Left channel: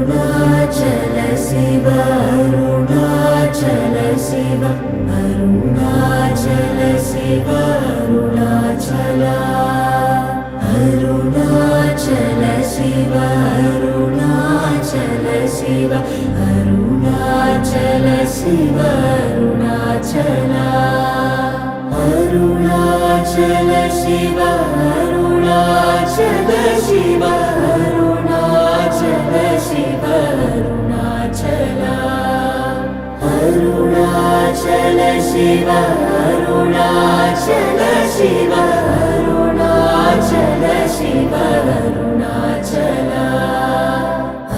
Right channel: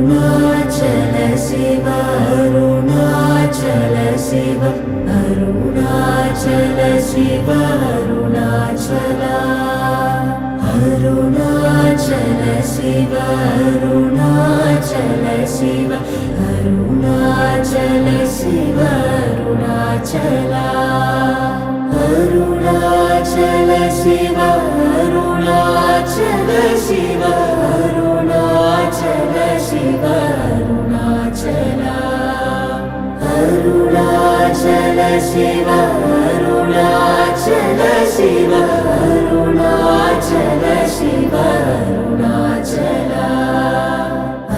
அருணாச்சல சிவ அருணாச்சல சிவ அருணாச்சல சிவ அருணாச்சல அருணாச்சல சிவ அருணாச்சல சிவ அருணாச்சல சிவ அருணாச்சல அருணாச்சல சிவ அருணாச்சல சிவ அருணாச்சல சிவ அருணாச்சல அருணாச்சல சிவ அருணாச்சல சிவ அருணாச்சல சிவ அருணாச்சல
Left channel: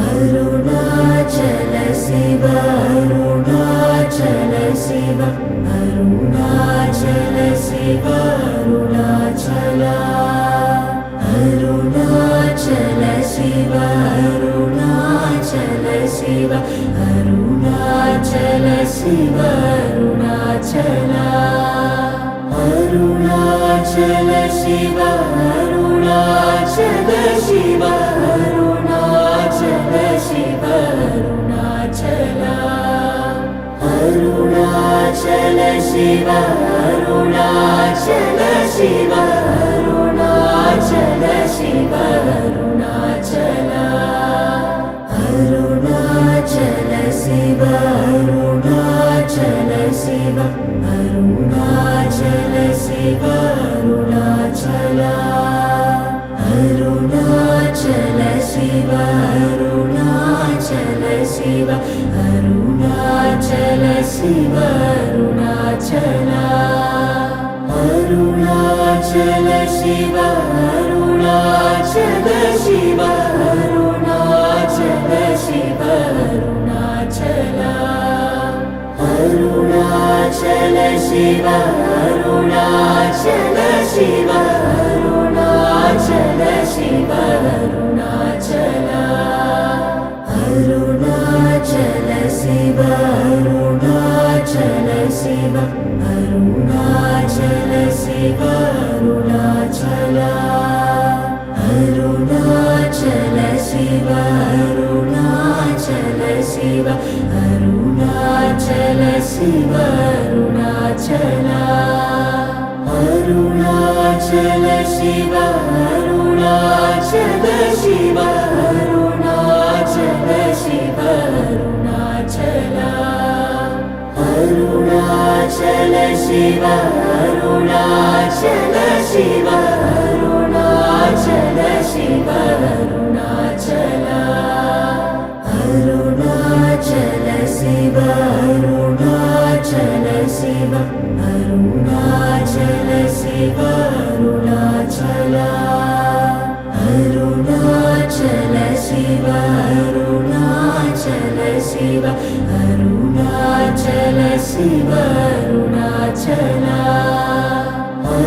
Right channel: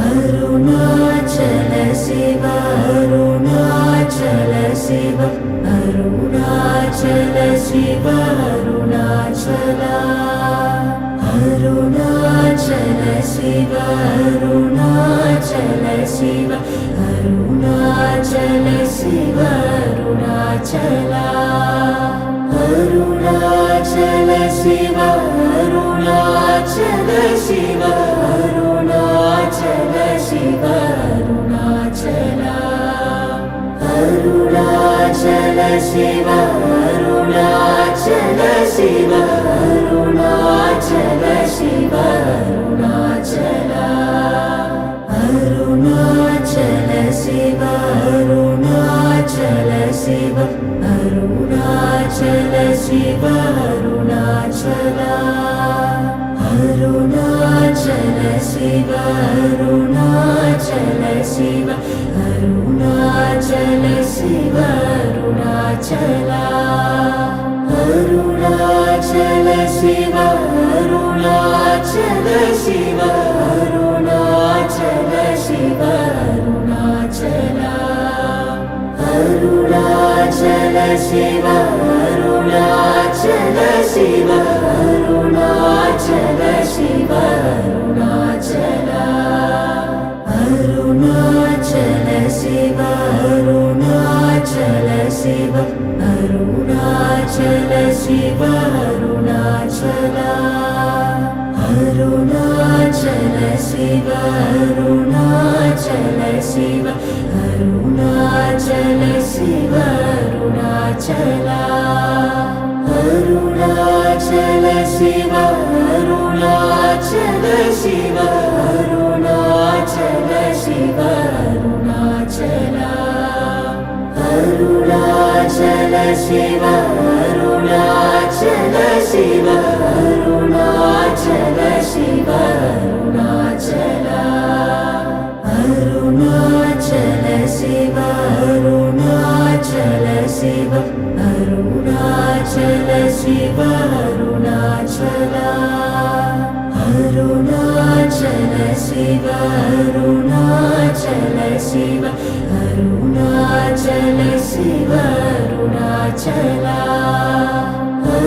அருணாச்சல சிவ அருணாச்சல சிவ அருணாச்சல சிவ அருணாச்சல அருணாச்சல சிவ அருணாச்சல சிவ அருணாச்சல சிவ அருணாச்சல அருணாச்சல சிவ அருணாச்சல சிவ அருணாச்சல சிவ அருணாச்சல அருணாச்சல சிவ அருணாச்சல சிவ அருணாச்சல சிவ அருணாச்சல அருணாச்சல சிவ அருணாச்சல சிவ அருணாச்சல சிவ அருணாச்சல அருணாச்சல சிவ அருணாச்சல சிவ அருணாச்சல சிவ அருணாச்சல அருணாச்சல சிவ அருணாச்சல சிவ அருணாச்சல சிவ அருணாச்சல அருணாச்சல சிவ அருணாச்சல சிவ அருணாச்சல சிவ அருணாச்சல அருணாச்சல சிவ அருணாச்சல சிவ அருணாச்சல சிவ அருணாச்சல அருணாச்சல சிவ அருணாச்சல சிவ அருணாச்சல சிவ அருணாச்சல அருணாச்சல சிவ அருணாச்சல சிவ அருணாச்சல சிவ அருணாச்சல அருணாச்சல சிவ அருணாச்சல சிவ அருணாச்சல சிவ அருணாச்சல அருணாச்சல சிவ அருணாச்சல சிவ அருணாச்சல சிவ அருணாச்சல அருணாச்சல சிவ அருணாச்சல சிவ அருணாச்சல சிவ அருணாச்சல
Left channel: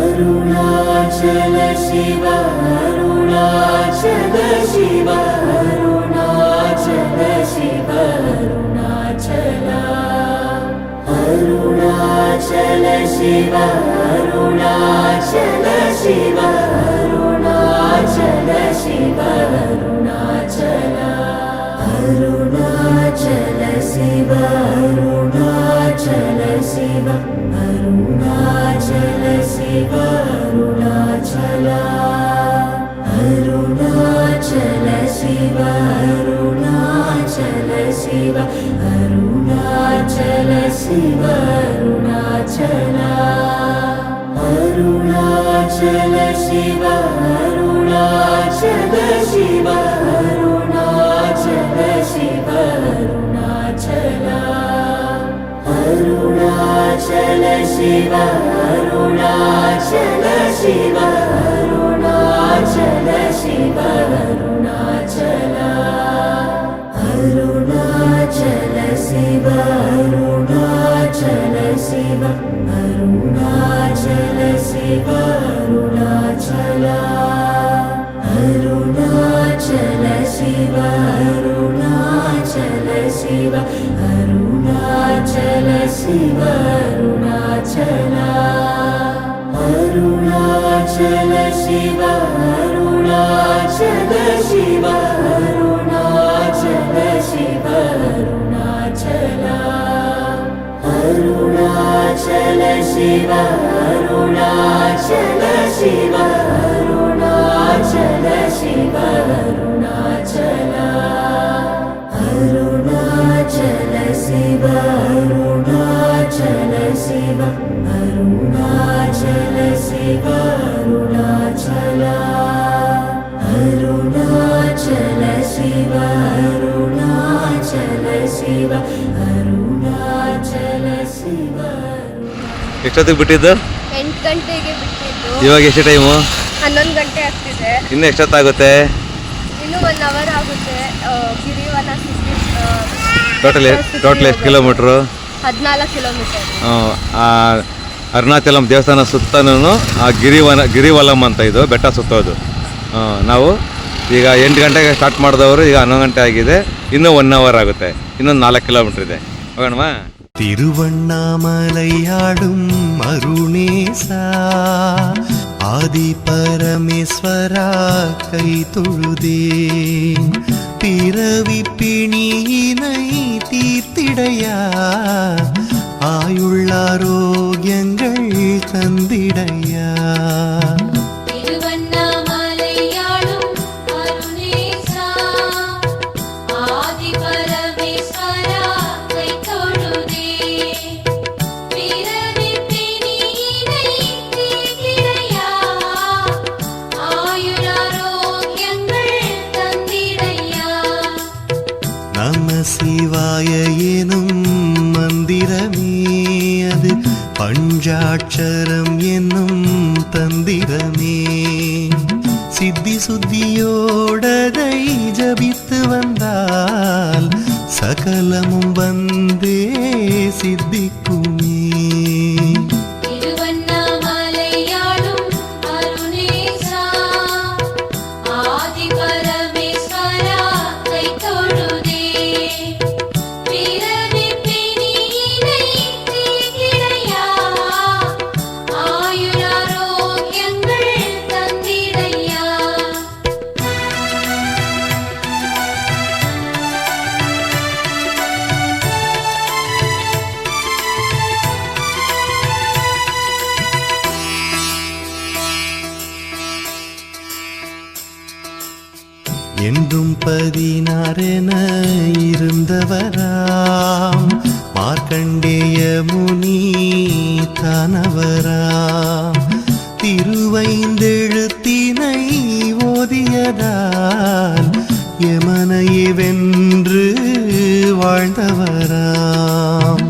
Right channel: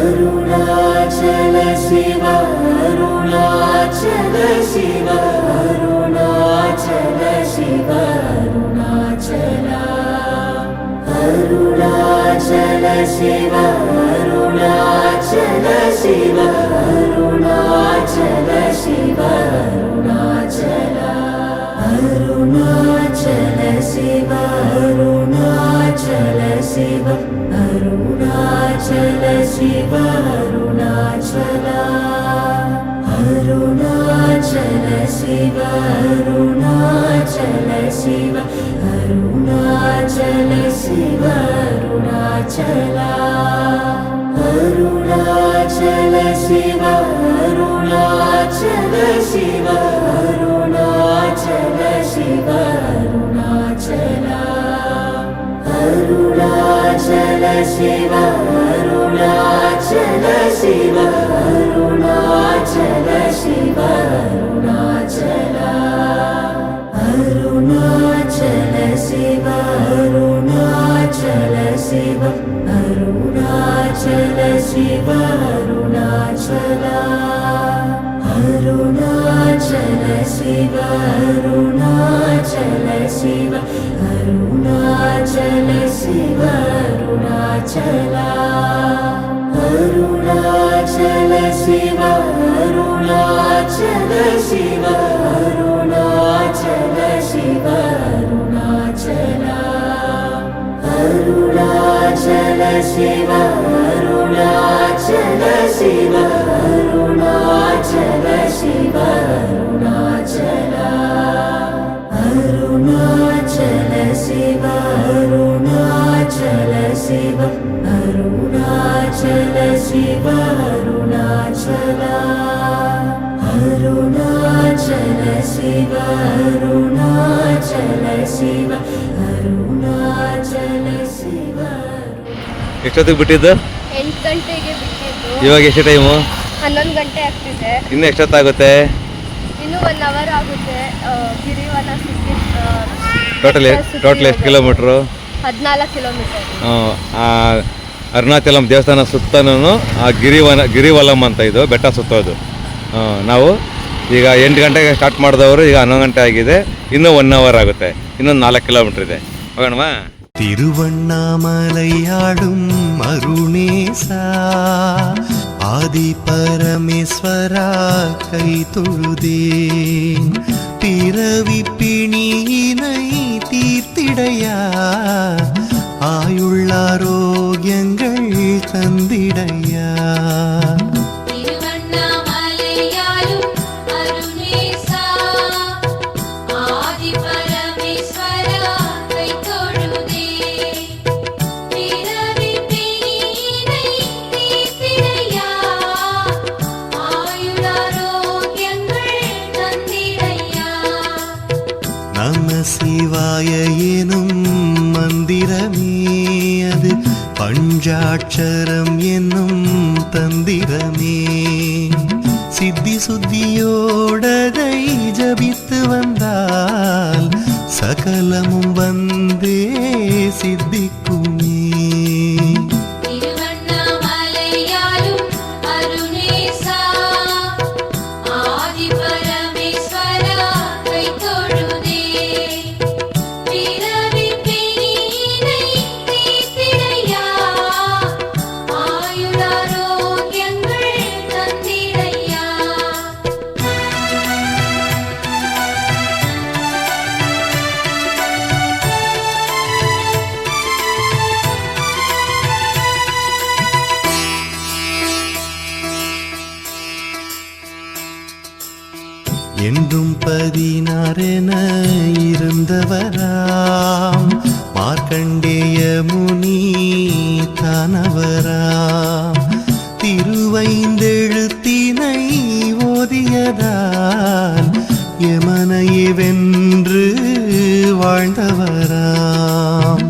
அருணாச்சல சிவ அருணாச்சல சிவ அருணாச்சல சிவ அருணாச்சல அருணாச்சல சிவ அருணாச்சல சிவ அருணாச்சல சிவ அருணாச்சல அருணாச்சல சிவ அருணாச்சல சிவ அருணாச்சல சிவ அருணாச்சல அருணாச்சல சிவ அருணாச்சல சிவ அருணாச்சல சிவ அருணாச்சல அருணாச்சல சிவ அருணாச்சல சிவ அருணாச்சல சிவ அருணாச்சல அருணாச்சல சிவ அருணாச்சல சிவ அருணாச்சல சிவ அருணாச்சல அருணாச்சல சிவ அருணாச்சல சிவ அருணாச்சல சிவ அருணாச்சல அருணாச்சல சிவ அருணாச்சல சிவ அருணாச்சல சிவ அருணாச்சல அருணாச்சல சிவ அருணாச்சல சிவ அருணாச்சல शिव अरुणाचल अरुणाचल शिव अरुणाचल शिव अरुणाचल शिव अरुणाचल अरुणाचल शिव अरुणाचल शिव अरुणाचल शिव अरुणाचल अरुणाचल शिव अरुणाचल शिव अरुणाचल शिव ಎಷ್ಟೊತ್ತಿಗೆ ಬಿಟ್ಟಿದ್ದು? 8 ಗಂಟೆಗೆ ಬಿಟ್ಟಿದ್ದು. ಇವಾಗ ಎಷ್ಟು ಟೈಮು? 11 ಗಂಟೆ ಆಗ್ತಿದೆ. ಇನ್ನು ಎಷ್ಟೊತ್ತಾಗುತ್ತೆ? ಇನ್ನೂ 1 ಅವರ್ ಆಗುತ್ತೆ. ಗಿರಿವನ ಟೋಟಲ್ ಎಷ್ಟು ಕಿಲೋಮೀಟ್ರು? 14 ಕಿಲೋಮೀಟರ್. ಅರುಣಾಚಲಂ ದೇವಸ್ಥಾನ ಸುತ್ತನೂ ಆ ಗಿರಿವಲಂ ಅಂತ ಇದು ಬೆಟ್ಟ ಸುತ್ತೋದು. ನಾವು ಈಗ 8 ಗಂಟೆಗೆ ಸ್ಟಾರ್ಟ್ ಮಾಡಿದವರು ಈಗ 11 ಗಂಟೆ ಆಗಿದೆ. ಇನ್ನೂ 1 ಅವರ್ ಆಗುತ್ತೆ. ಇನ್ನೊಂದು 4 ಕಿಲೋಮೀಟ್ರ್ ಇದೆ. ಹೋಗೋಣವಾ? திருவண்ணாமலையாடும் அருணேசா ஆதி பரமேஸ்வரா கை தொழுதேன் பிறவி பிணியினை தீர்த்திடையா ஆயுள்ளாரோக்கியங்கள் தந்திடையா நம சிவாய எனும் மந்திரமே அது பஞ்சாட்சரம் என்னும் தந்திரமே சித்தி சுத்தியோடதை ஜபித்து வந்தால் சகலமும் வந்தே சித்திக்குமே என்றும் 16 இருந்தவராம் மார்க்கண்டேய முனி தானவராம் திருவைந்தெழுத்தினை ஓதியதால் யமனையே வென்று வாழ்ந்தவராம்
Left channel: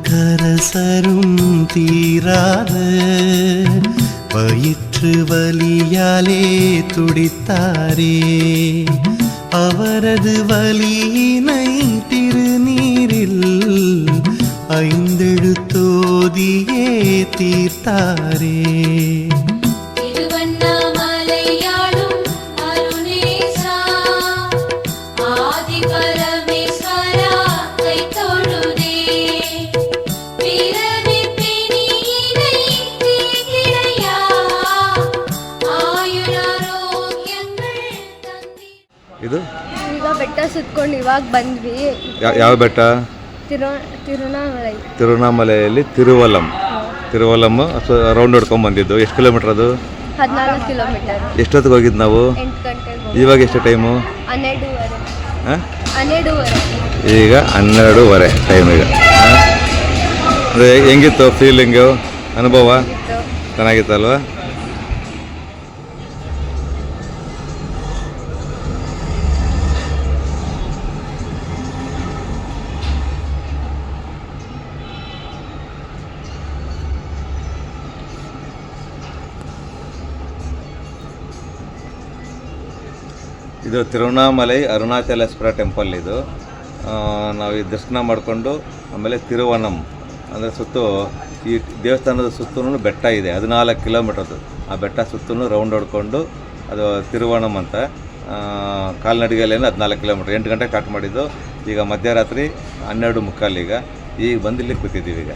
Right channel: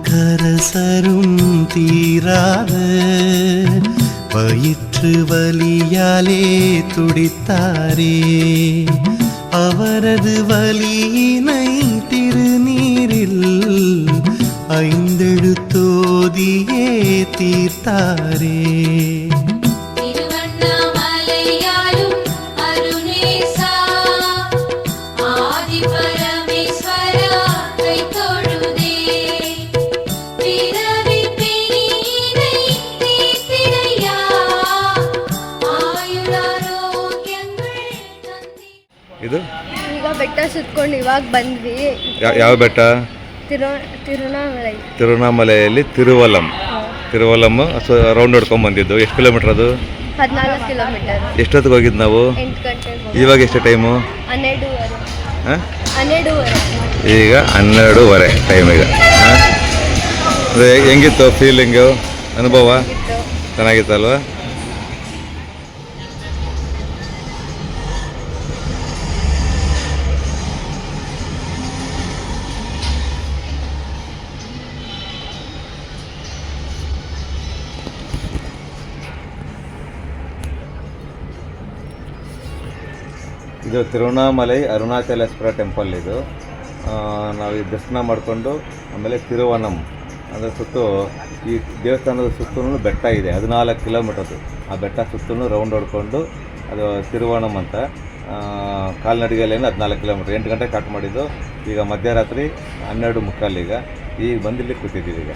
திருநாவுக்கரசரும் தீராத வயிற்று வலியாலே துடித்தாரே அவரது வலியினை திருநீரில் 5 எழுத்தோதியே தீர்த்தாரே ಇದು ಈಗ ಬೆಟ್ಟ ಸುತ್ಕೊಂಡು ಇವಾಗ ಬಂದ್ವಿ. ಯಾವ ಬೆಟ್ಟ? ತಿರುವಣ್ಣಾಮಲೆಯಲ್ಲಿ ತಿರುವಲಂ ರೌಂಡ್ ಹೊಡ್ಕೊಂಡ್ ಬಂದಿದ್ದು. ಎಷ್ಟು ಕಿಲೋಮೀಟರ್ ಅದು? 14 ಕಿಲೋಮೀಟರ್. ಎಷ್ಟೊತ್ತಿಗೆ ಹೋಗಿದ್ದು ನಾವು? 8 ಗಂಟೆಗೆ. ಇವಾಗ ಎಷ್ಟು ಟೈಮು? 12:30. ಈಗ 12:30 ಟೈಮ್ ಈಗ. ಅದೇ ಹೆಂಗಿತ್ತು ಫೀಲಿಂಗು, ಅನುಭವ? ಚೆನ್ನಾಗಿತ್ತಲ್ವಾ? ಇದು ತಿರುವಣ್ಣಾಮಲೈ ಅರುಣಾಚಲೇಶ್ವರ ಟೆಂಪಲ್. ಇದು ನಾವು ಈ ದರ್ಶನ ಮಾಡಿಕೊಂಡು ಆಮೇಲೆ ತಿರುವನಂ ಅಂದರೆ ಸುತ್ತು ಈ ದೇವಸ್ಥಾನದ ಸುತ್ತಲೂ ಬೆಟ್ಟ ಇದೆ, 14 ಕಿಲೋಮೀಟರ್ದು. ಆ ಬೆಟ್ಟ ಸುತ್ತಲೂ ರೌಂಡ್ ಹೊಡ್ಕೊಂಡು ಅದು ತಿರುವಣಂ ಅಂತ ಕಾಲ್ನಡಿಗೆಯಲ್ಲಿ 14 ಕಿಲೋಮೀಟ್ರ್. 8 ಗಂಟೆಗೆ ಸ್ಟಾರ್ಟ್ ಮಾಡಿದ್ದು, ಈಗ ಮಧ್ಯರಾತ್ರಿ 12:45. ಈಗ ಬಂದಿಲ್ಲಿ ಕೂತಿದ್ದೀವಿ ಈಗ.